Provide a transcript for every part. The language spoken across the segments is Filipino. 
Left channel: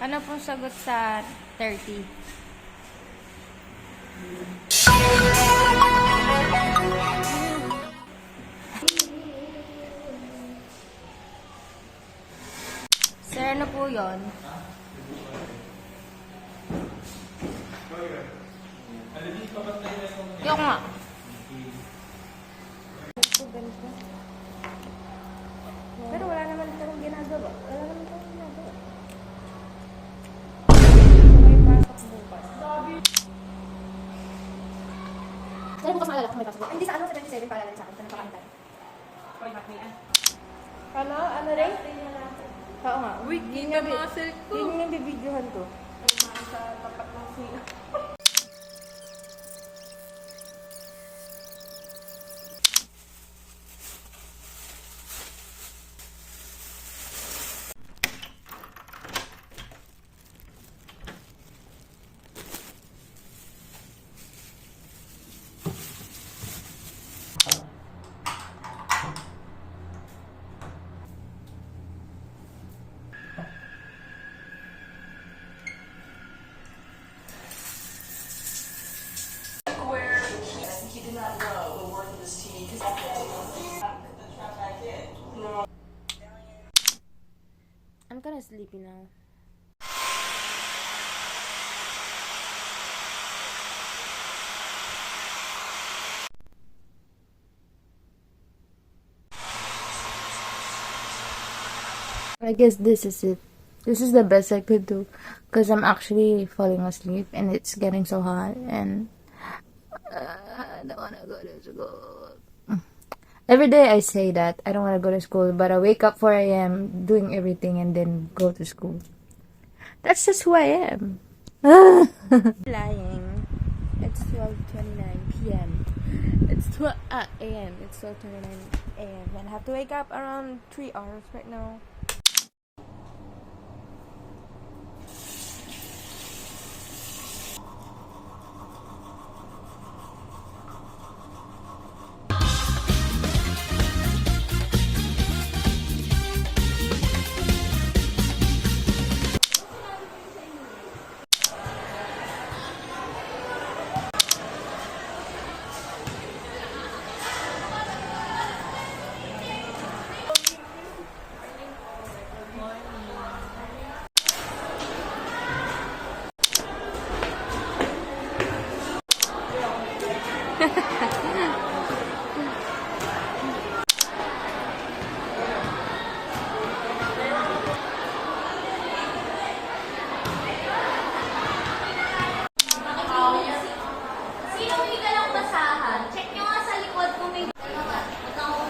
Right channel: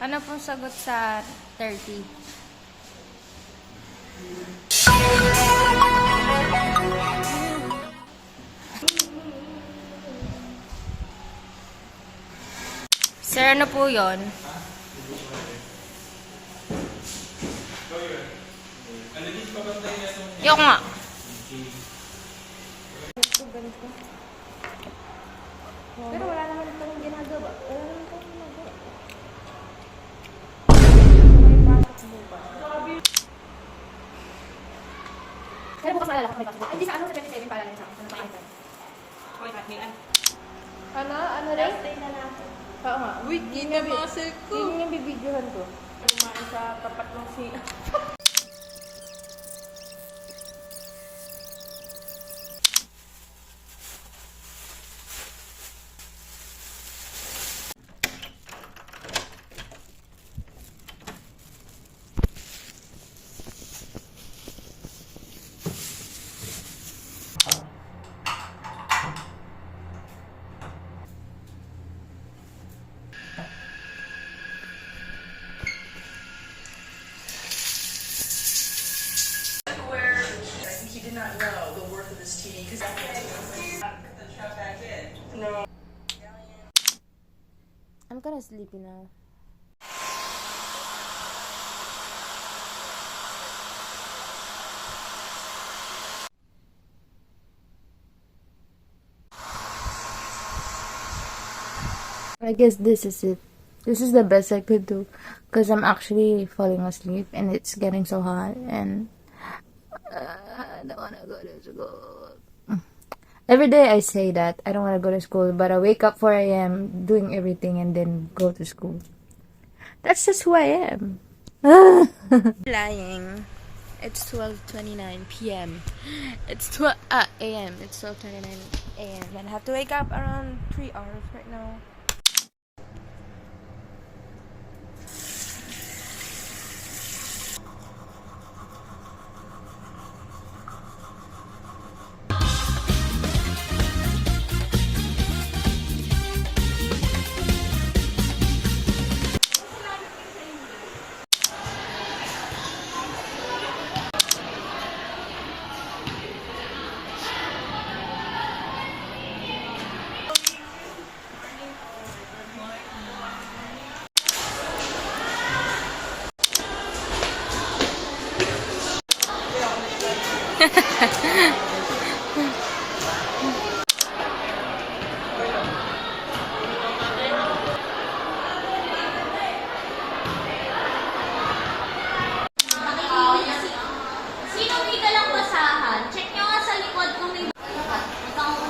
Ano pong sagot sa 30? Sir, ano po yun? Yung nga. Pero wala naman itong ginagawa. Wala naman itong ginagawa. May pasok bukas. Pero bukas maalala ko may pasok. Hindi sa ano sa 27 paalala sa akin. Sa napakintan. Ano? Ano rin? Oo nga. Uy, kita muscle ko. Yun yung bibidyohan ko. Sa tapat ng sina. I'm kinda sleepy now. I guess this is it. This is the best I could do because I'm actually falling asleep and it's getting so hot and I don't want to go to school. Every day I say that I don't want to go to school, but I wake up 4 a.m. doing everything and then go to school. That's just who I am. Lying. It's 12:29 p.m. It's 12 a.m. It's 12:29 a.m. and I have to wake up around 3 hours right now. Sino may dalang basahan? Check nyo nga sa likod kung may ikaw.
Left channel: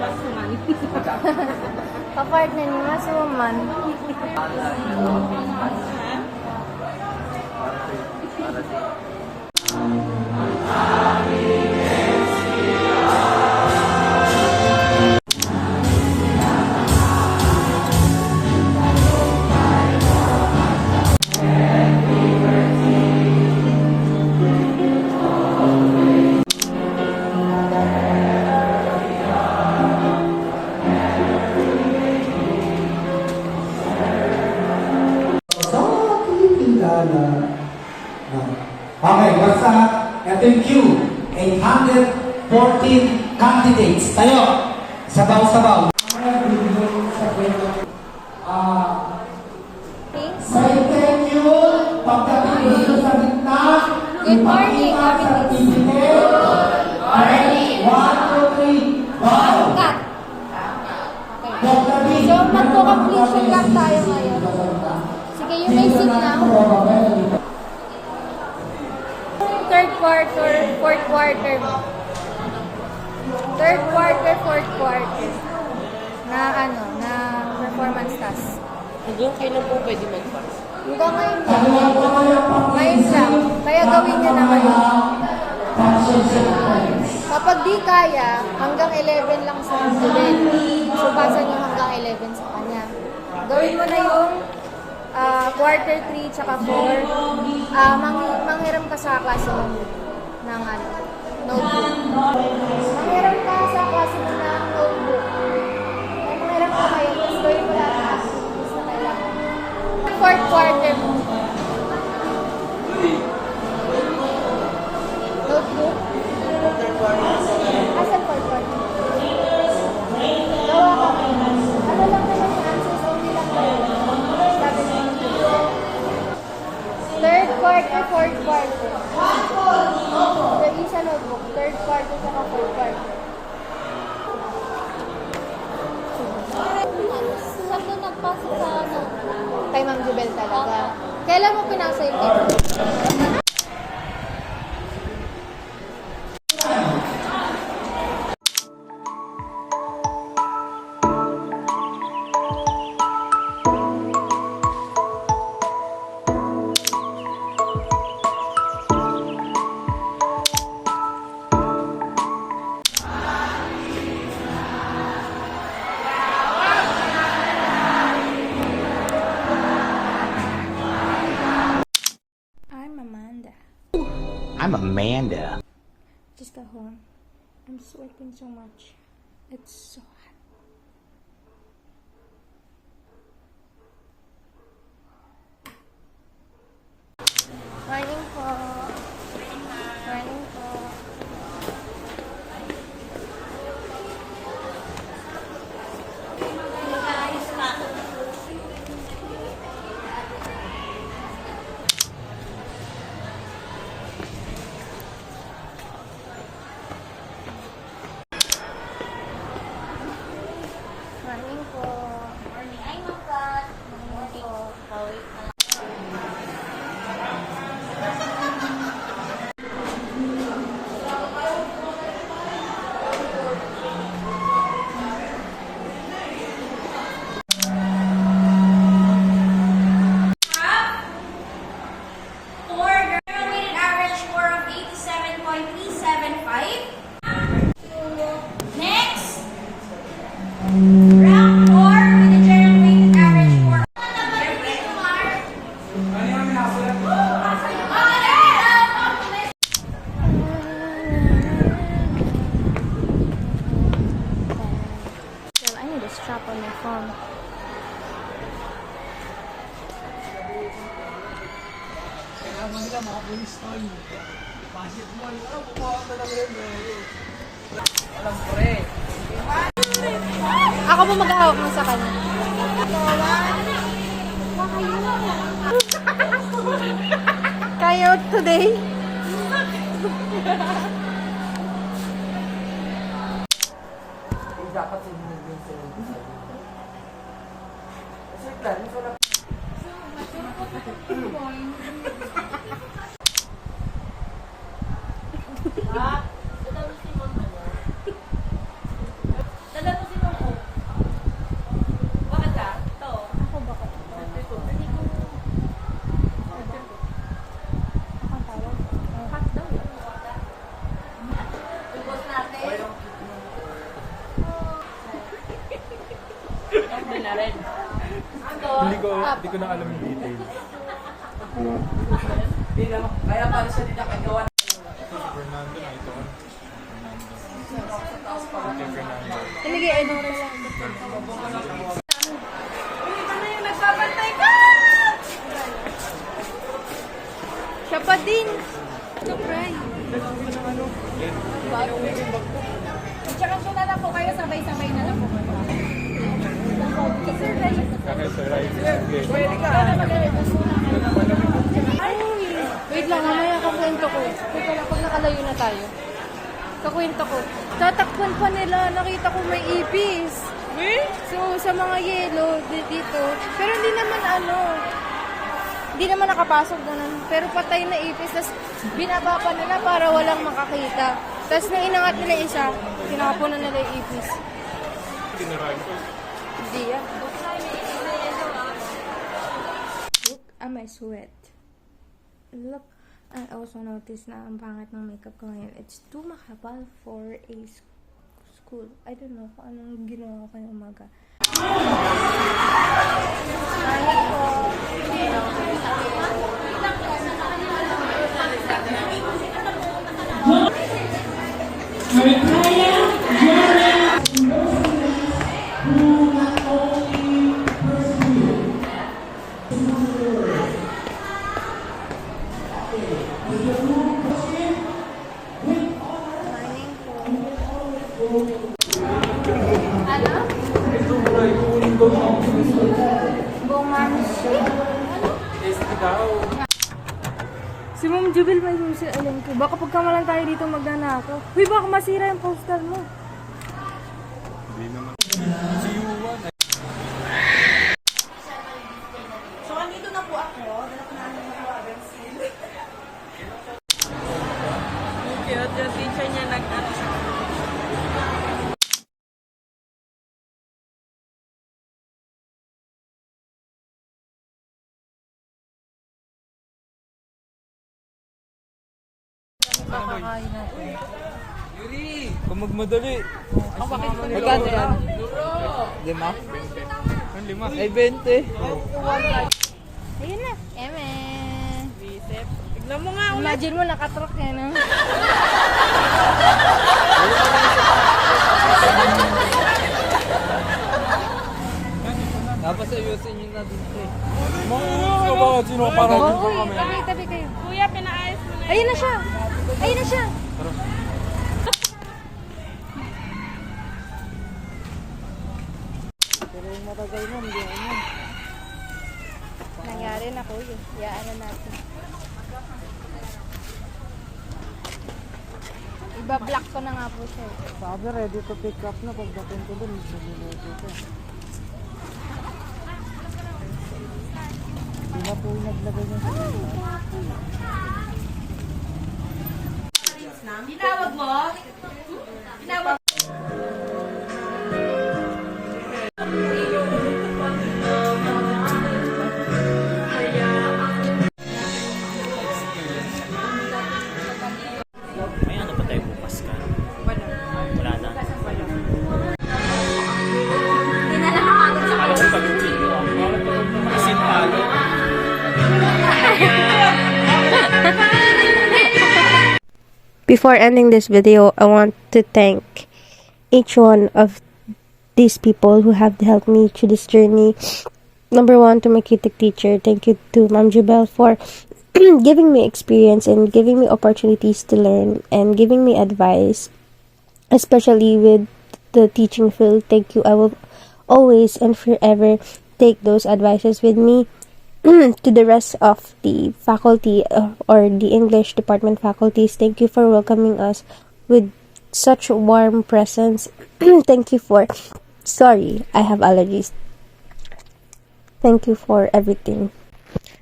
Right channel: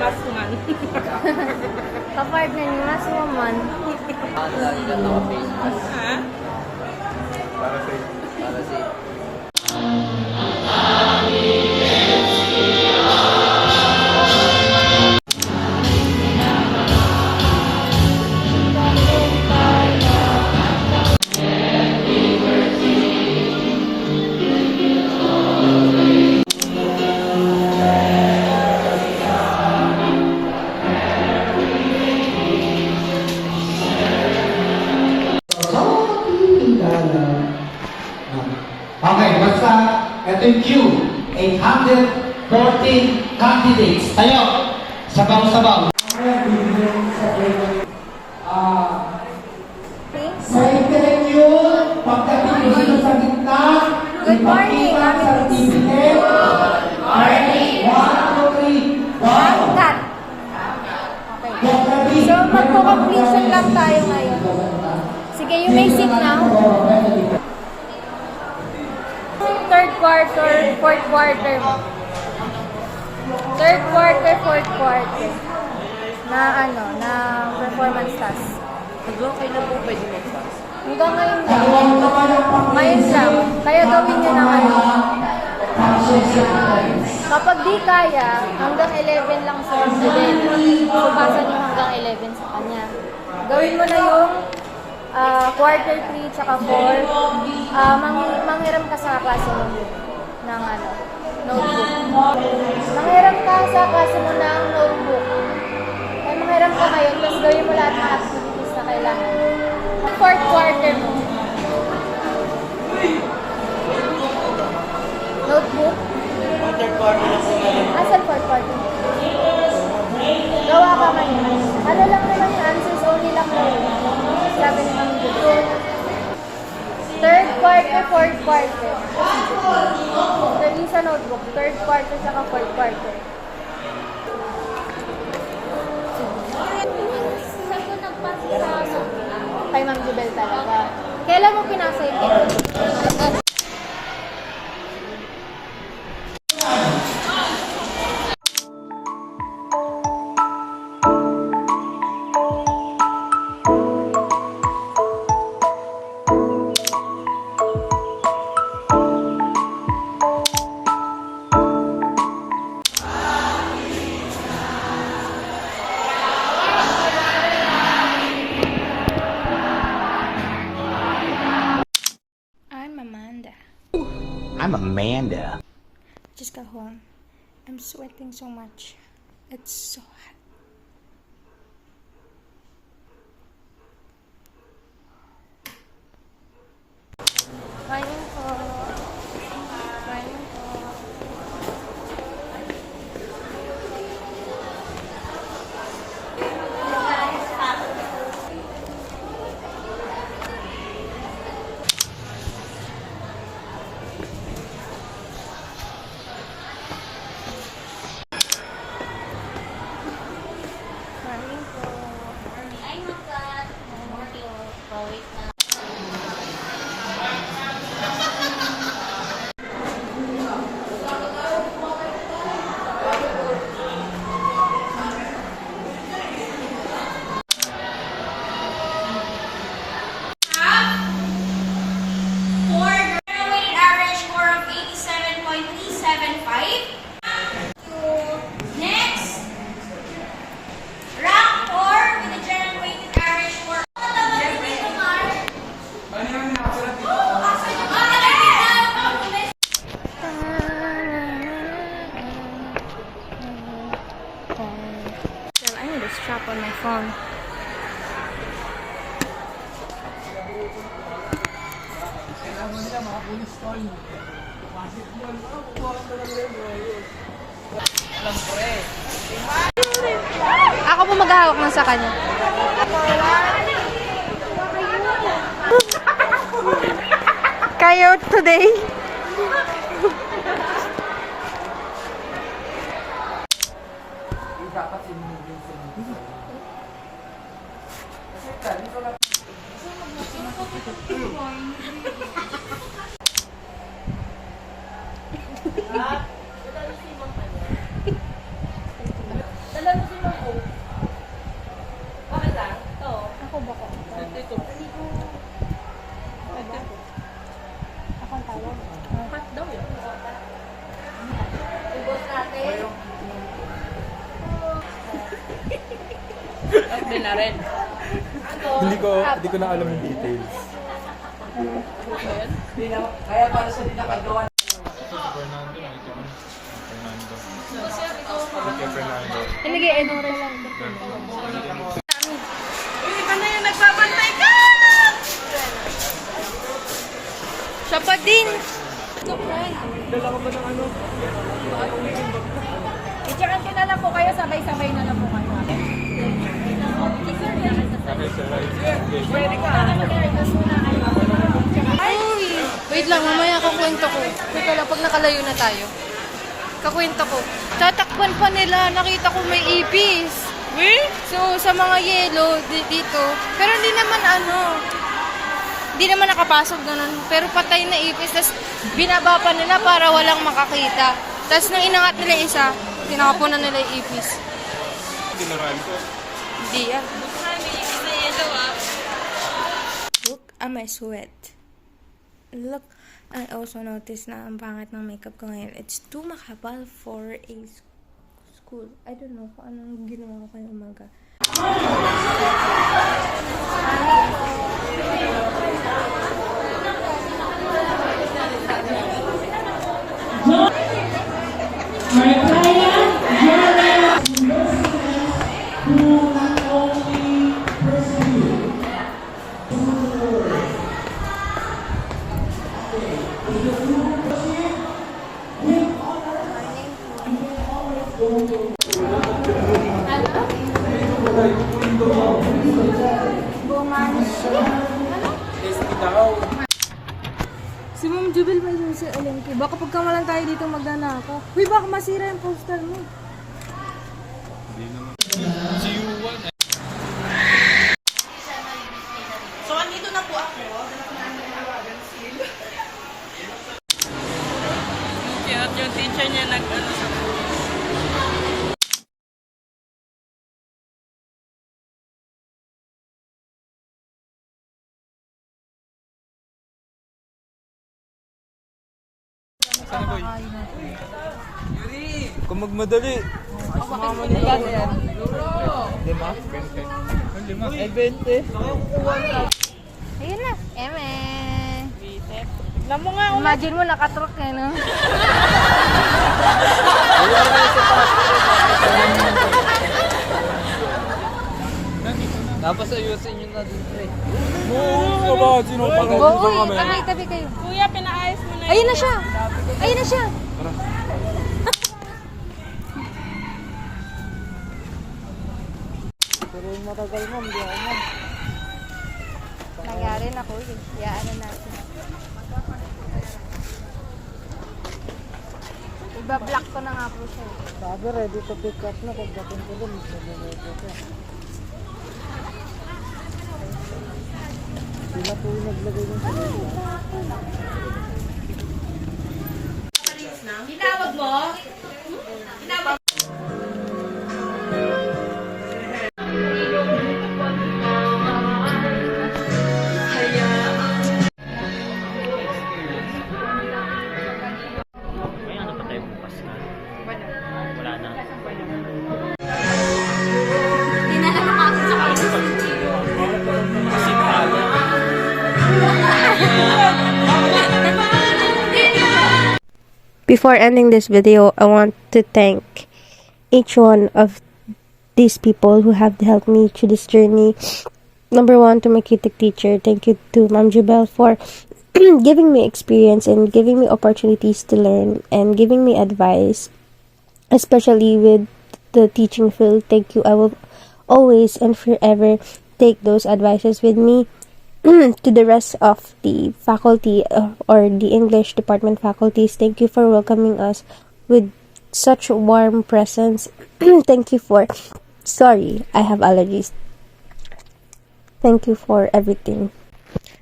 Masman. Kapartner ni Mas Woman. Ha? Okay, what's up? Ito yung queue. 814 candidates. Tayo! Sabaw-sabaw. Second yun. Pagdating dito sa gitna. Good morning, Mami Miss. Good morning. 1, 2, 3. Wow! Cut. Okay. So, magko-completion lang tayo ngayon. Sige, you may sit now. Third quarter, fourth quarter mo. Third quarter, fourth quarter. Na na performance task. Hanggang kailan po pwede mag-pass? Hanggang ngayon lang. Ngayon lang. Kaya gawin nyo na ngayon. Kapag di kaya, hanggang 11 lang sa student. So, pasa nyo hanggang 11 sa kanya. Gawin mo na yung quarter 3 tsaka 4. Manghiram ka sa klase mo. ng notebook. Manghiram ka sa klase mo ng notebook. Ay, manghiram ka ngayon, tapos gawin mo lahat ng activities na kailangan. Fourth quarter mo. Notebook? Asan fourth quarter? Gawa ka ngayon. Ano lang naman yung answers, only lang daw yun. Sabi ni Ma'am Julie. Third quarter, fourth quarter. Yung sa notebook, third quarter saka fourth quarter. Saan ka nagpasa sa sobrang? Kay Ma'am Jubel talaga. Kailan mo pinasa yung technique? I'm Amanda. I'm Amanda. Just got home. I'm sweating so much. It's so hot. Morning po. Morning po. Morning po. Ay, makat. Morning po. Wait na. For graduated average score of 87.375. Next, rank 4 with a general weighted average score. Well, I need a strap on my phone. Ako po maghahawak ng sa kanya. Kayo today? Ako ba ko? Ako ang tawag. Hot daw eh. Hindi na rin. Hindi ko na alam yung details. Kaya para sa dinakagawa. Fernando, nakita ko na. Fernando. Ito Fernando. Hindi kaya Edora lang. Ikaw na yung nagbabantay ka! Siya pa din. Tsaka kilala ko kayo, sabay-sabay na lang po kayo. Okay, sir. Right. Uy, wait lang, mamaya kakwento ko. Teka lang, pag nakalayo na tayo. Kakwento ko. Tatakpan pa nila, nakita ko may ipis. So, sa mga yelo dito. Pero hindi naman hindi naman nakapasok ganun. Pero patay na ipis, tapos binaba pa nila para walang makakita. Tapos nung inangat nila isa, tinakapon na nila yung ipis. Hindi yan. Look at my sweat. Look, I also noticed na ang pangit ng makeup ko ngayon. It's too makapal for a school. I don't know kung anong ginawa ko kayong umaga. Morning po. Si Ma'am Jubel may susi, alam ko. Baka pagkamalan tayo dito magnanakaw. Uy, baka masira yung postal mo. So, andito na po ako. Cute, yung teacher niya nag-ano sa Kung magmadali. Lima? Lima? Ay, 20. Ayun na. Eme. na mo nga. Imagine mo, nakatrock eh, no? Tapos ayusin nyo na dun, pre. Ka ba? Sino pa rin Oo, ba kami? tabi kayo. Kuya, pinaayos mo na Ayun na siya. Ayun na siya. Pero yung matagal mo, hindi ako mo. Nangyari na ko yun. Iyaan na natin. Iba-block ko na nga po siya. Sabi, ready to pick up na. Pagdating ko dun, sabi ready to. Hindi na po yung naglagay yung Tinawag mo? Tinawag Before ending this video, I want to thank each one of these people who have helped me through this journey. Number one, to my KTech teacher. Thank you to Ma'am Jubel for giving me experience and giving me opportunities to learn and giving me advice, especially with the teaching field. Thank you. I will always and forever take those advices with me. To the rest of the faculty or the English department faculties, thank you for welcoming us with such warm presence. Thank you for, sorry, I have allergies. Thank you for everything.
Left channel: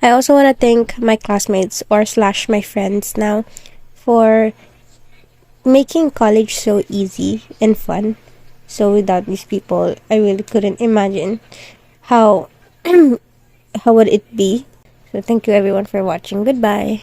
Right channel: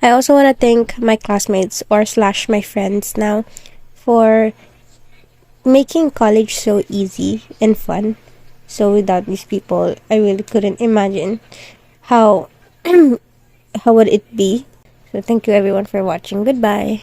I also want to thank my classmates or / my friends now for making college so easy and fun. So without these people, I really couldn't imagine how how would it be. So thank you everyone for watching. Goodbye.